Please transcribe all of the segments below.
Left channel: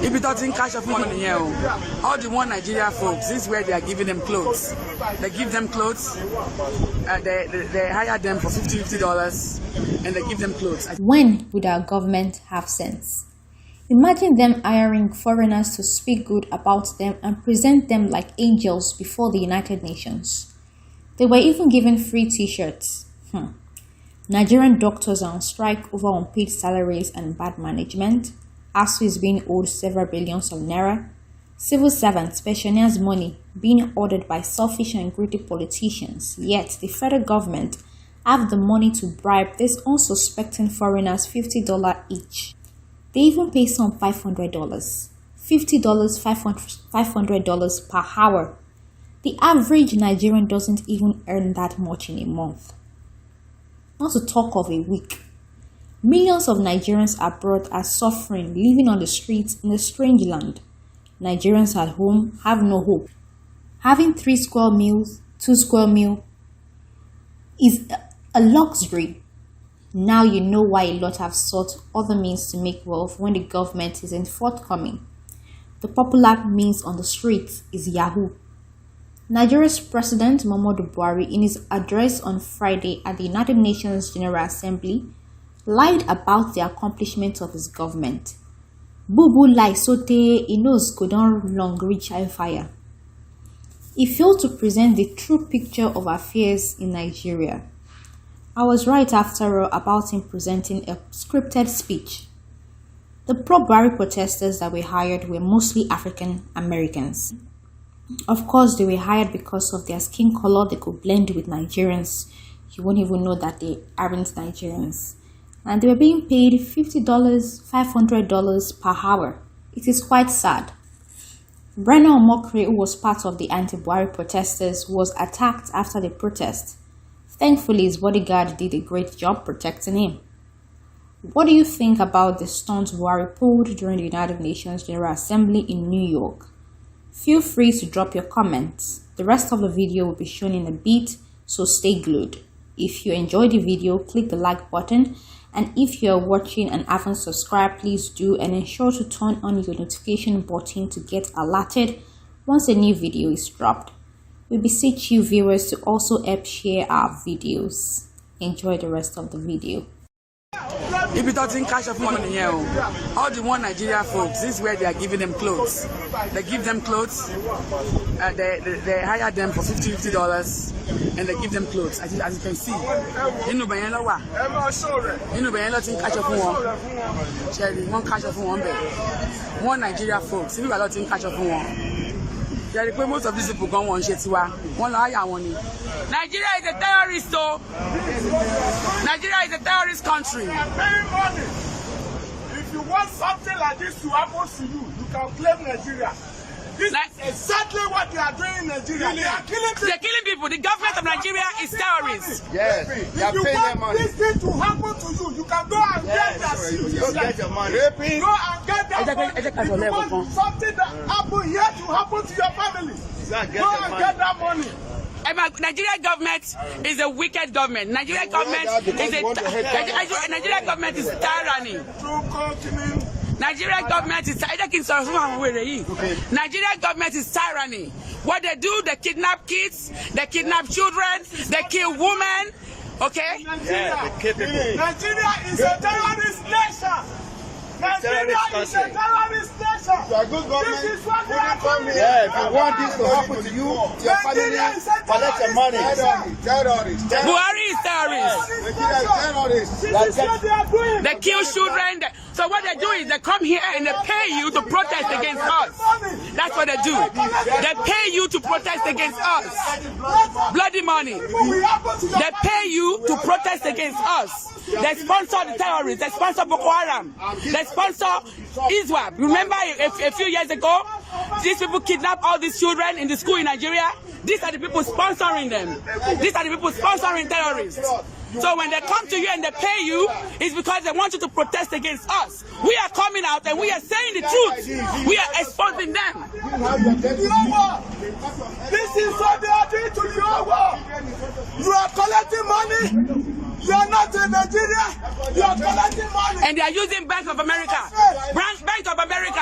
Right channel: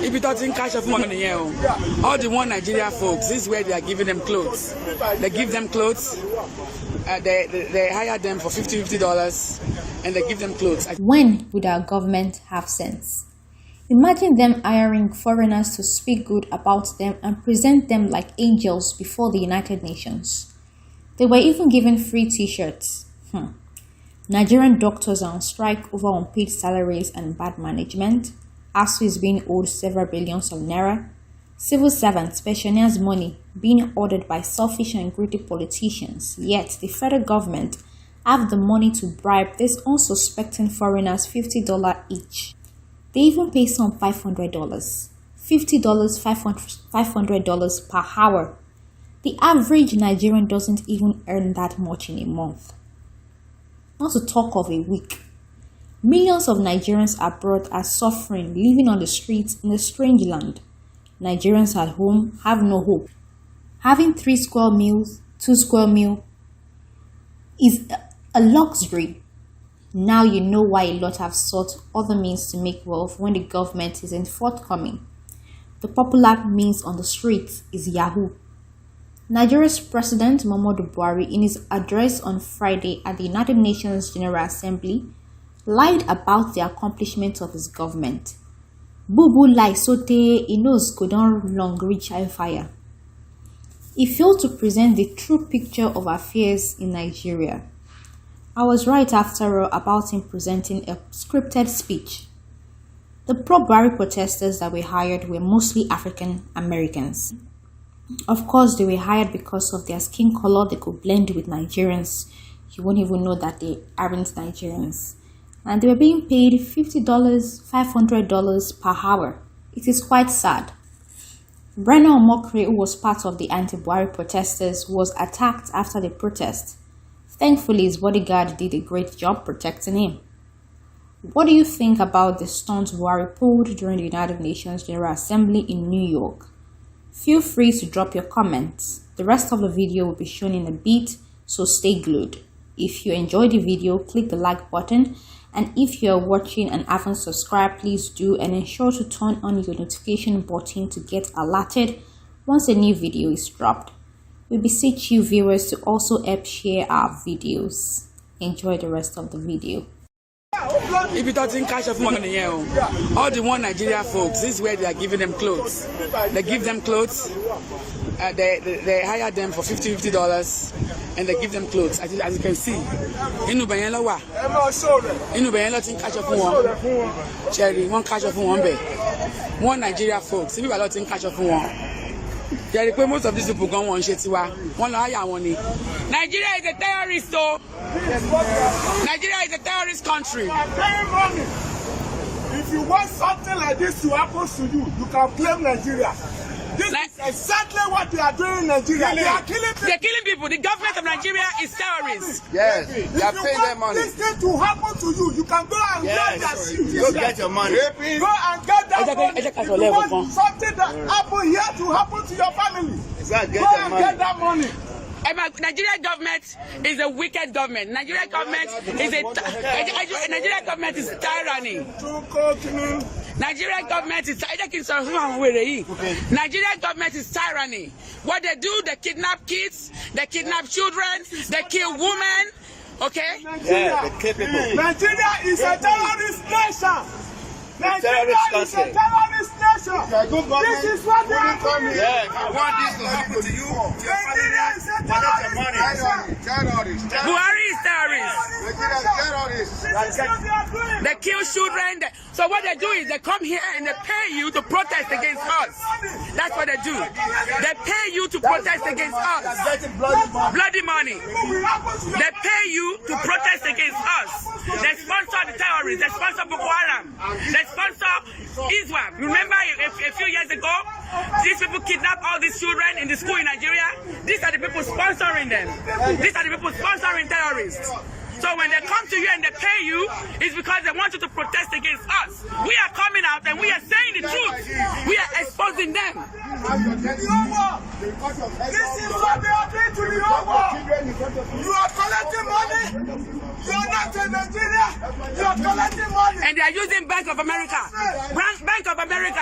If you don't think cash of money here, all the one Nigeria folks, this is where they are giving them clothes. They give them clothes, they hire them for $50, and they give them clothes. When would our government have sense? Imagine them hiring foreigners to speak good about them and present them like angels before the United Nations. They were even given free t-shirts. Nigerian doctors are on strike over unpaid salaries and bad management. ASU is being owed several billions of naira. Civil servants, pensioners' money being ordered by selfish and greedy politicians. Yet the federal government have the money to bribe these unsuspecting foreigners $50 each. They even pay some $500. $50, $500 per hour. The average Nigerian doesn't even earn that much in a month. Not to talk of a week. Millions of Nigerians abroad are suffering, living on the streets in a strange land. Nigerians at home have no hope. Having 3 square meals, 2 square meal is a luxury. Now you know why a lot have sought other means to make wealth when the government isn't forthcoming. The popular means on the streets is Yahoo. Nigeria's President Muhammadu Buhari, in his address on Friday at the United Nations General Assembly, lied about the accomplishments of his government. Bubu lie sote he knows go don long reach high fire. He failed to present the true picture of affairs in Nigeria. I was right after all about him presenting a scripted speech. The pro-Buhari protesters that were hired were mostly African Americans. Of course, they were hired because of their skin color. They could blend with Nigerians. You won't even know that they aren't Nigerians. And they were being paid $50, $500 per hour. It is quite sad. Brenna Omokri, who was part of the anti-Buhari protesters, was attacked after the protest. Thankfully, his bodyguard did a great job protecting him. What do you think about the stunt Buhari pulled during the United Nations General Assembly in New York? Feel free to drop your comments. The rest of the video will be shown in a bit, so stay glued. If you enjoyed the video, click the like button, and if you are watching and haven't subscribed, please do, and ensure to turn on your notification button to get alerted once a new video is dropped. We beseech you viewers to also help share our videos. Enjoy the rest of the video. If you don't think cash of money here, all the one Nigeria folks, this is where they are giving them clothes. They give them clothes, they hire them for $50, and they give them clothes. As you can see, inu beyen lo wa, inu beyen lo tin cash of one, cherry one cash of one be, one Nigeria folks. If you are not in cash of one, there are most of these people go on shetiwa, one hire one. Nigeria is a terrorist, so Nigeria is a terrorist country. If you want something like this to happen to you, you can claim Nigeria. This is exactly what they are doing in Nigeria. They are killing people. They're killing people. The government of Nigeria is terrorists. Yes, they are paying their money. If you want this thing to happen to you, you can go and get that shit. Go get your money. Go and get that money. If you want something that happen here to happen to your family, go and get that money. Nigeria government is a wicked government. Nigeria government is Nigeria government is tyranny. Nigeria government is Nigeria government is tyranny. What they do, they kidnap kids, they kidnap children, they kill women. Okay? Yeah, they kill people. Nigeria is a terrorist nation. Nigeria is a terrorist nation. This is what they are doing. Yeah, if you want this to happen to you, your family, collect your money. Buhari is terrorist. This is what they are doing. They kill children. So what they do is they come here and they pay you to protest against us. That's what they do. They pay you to protest against us. Bloody money. They pay you to protest against us. They sponsor the terrorists. They sponsor Boko Haram. They sponsor ISWAP. Remember a few years ago, these people kidnapped all these children in the school in Nigeria. These are the people sponsoring them. These are the people sponsoring terrorists. So when they come to you and they pay you, it's because they want you to protest against us. We are coming out and we are saying the truth. We are exposing them. This is what they are doing to the whole world. You are collecting money. You are not in Nigeria. You are collecting money. And they are using Bank of America. Bank of America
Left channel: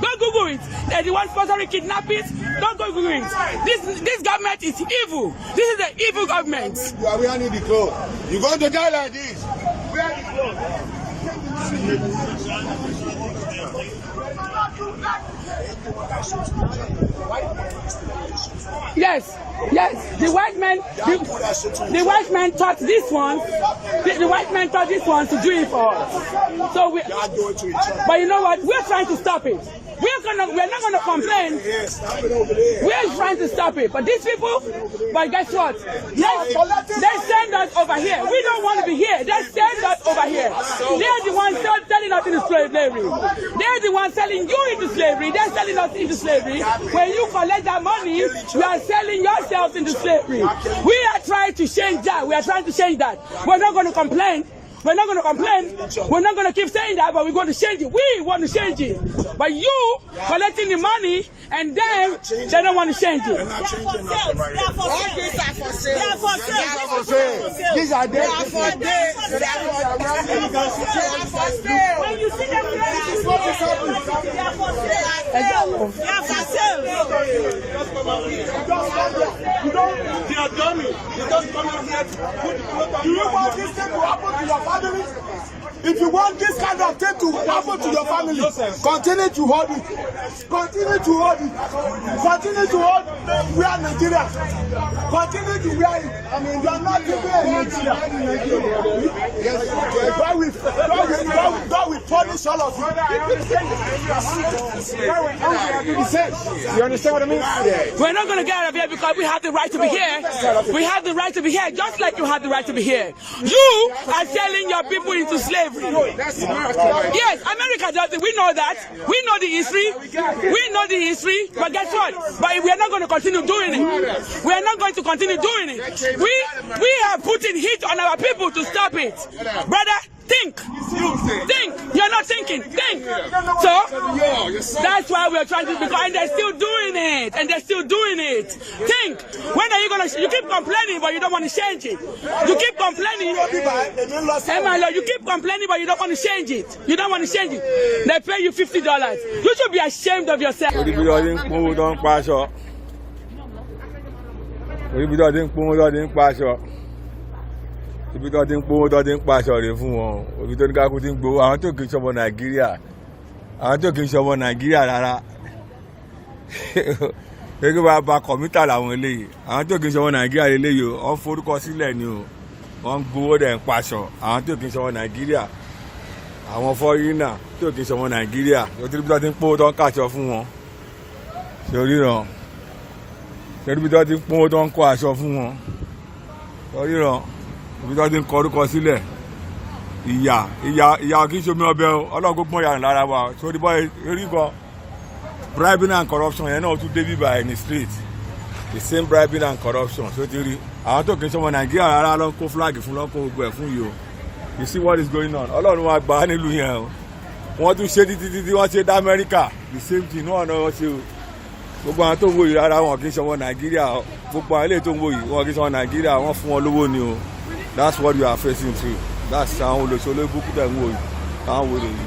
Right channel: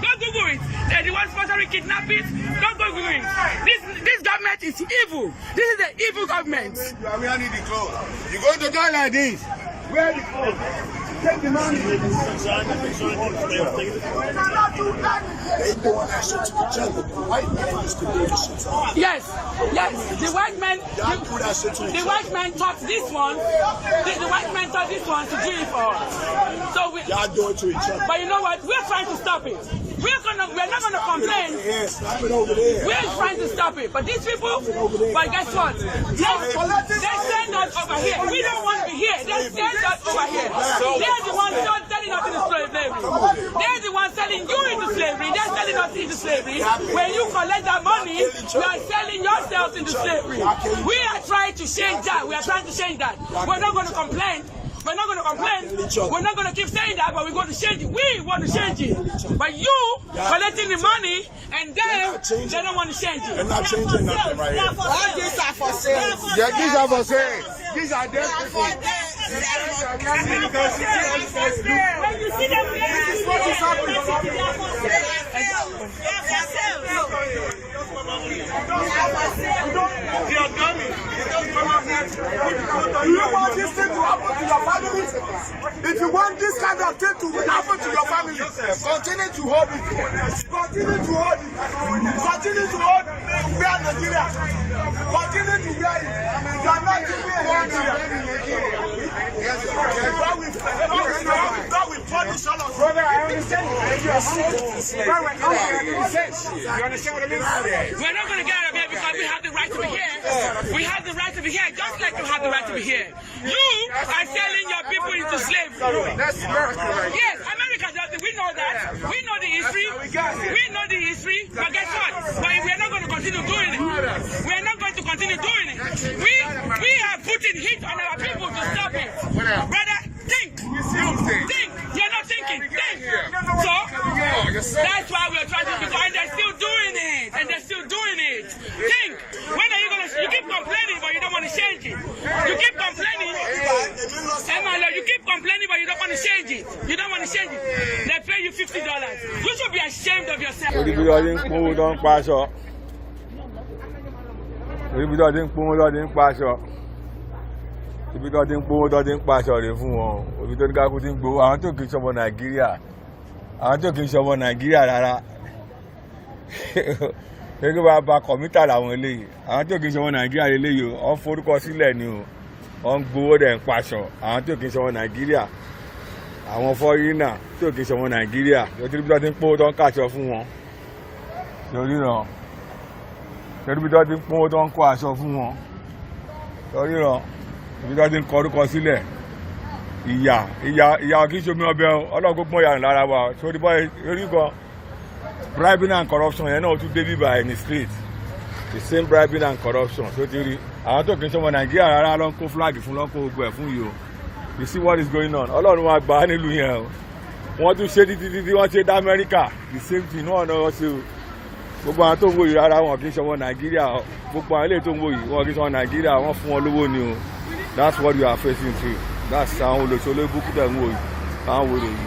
Go Google it. They're the ones sponsoring kidnappings. Don't go Google it. This government is evil. This is the evil government. You are wearing the clothes. You're going to die like this. Wear the clothes. Take the money. Yes. The white man taught this one. The white man taught this one to do it for us. So we do it to each other. But you know what? We're trying to stop it. We're not gonna complain. We're trying to stop it. But these people, but guess what? They send us over here. We don't want to be here. They send us over here. They're the ones selling us into slavery. They're the ones selling you into slavery. They're selling us into slavery. When you collect that money, you are selling yourself into slavery. We are trying to change that. We are trying to change that. We're not going to complain. We're not going to complain. We're not going to keep saying that, but we're going to change it. We want to change it. But you collecting the money, and then they don't want to change it. They're not changing nothing right here. All these are for sale. Yeah, these are for sale. These are dead people. When you see them, This is what is happening. they are for sale. They are dummy. They don't come out here. Do you want this thing to happen to your family? If you want this kind of thing to happen to your family, continue to hold it. Continue to hold it. Continue to hold it. We are Nigeria. Continue to wear it. I mean, you are not giving Nigeria. God will punish all of you. You understand what I mean? We're not going to get out of here because we have the right to be here. We have the right to be here just like you have the right to be here. You are selling your people into slavery. That's America. Yes, America does it. We know that. We know the history. We know the history. But guess what? But we are not going to continue doing it. We are not going to continue doing it. We are putting heat on our people to stop it. Brother, think. Think. You're not thinking. Think. So that's why we're trying to, because they're still doing it. And they're still doing it. Think. When are you going to, you keep complaining but you don't want to change it. You keep complaining. You keep complaining but you don't want to change it. You don't want to change it. They pay you $50. You should be ashamed of yourself. Ibi tó ti ń pọ́n tó ti ń paṣọ ibi tó ti ń pọ́n tó ti ń paṣọ rè fún wọn ibi tó ní ká kú ti ń gbowó àwọn tó kì í ṣọmọ Nàìjíríà rárá gẹ́gẹ́ bá ba kọ̀mítà làwọn eléyìí àwọn tó kì í ṣọmọ Nàìjíríà eléyìí wọ́n forúkọ sílẹ̀ ni o wọ́n ń gbowó dẹ̀ ń paṣọ àwọn tó kì í ṣọmọ Nàìjíríà àwọn fọ́rínà tó kì í ṣọmọ Nàìjíríà ibi tó ti ń pọ́n tó ń kàṣọ fún wọn sórí ràn. Ibi tó ti ń pọ́n tó ń kọ́ aṣọ fún wọn torí ràn ibi tó ti ń kọ orúkọ sílẹ̀ ìyà kì í ṣomi ọbẹ̀ ọlọ́gbọ́n pọ́n yàrá lára wa sórí bọ́ erí kan bribing and corruption yẹn náà tún dé bíbá ẹ̀ ní street the same bribing and corruption tó ti rí àwọn tó kì í ṣọmọ Nàìjíríà rárá ló ń kó flag fún lọ́kọ̀ gbogbo ẹ̀ fún yìí o you see what is going on Ọlọ́run wa gbà á nílùú yẹn o wọ́n tún ṣe títí wọ́n ṣe dá Amẹ́ríkà the same thing náà náà ṣe o. Gbogbo àwọn tó ń wò yìí rárá wọn kì í ṣọmọ Nàìjíríà gbogbo àwọn ilé tó ń wò yìí wọn kì í ṣọmọ Nàìjíríà wọn fún wọn lówó ni o that's what you are facing through that's àwọn olóṣèlú búkú tẹ̀ ń wò yìí àwọn wò lè yìí.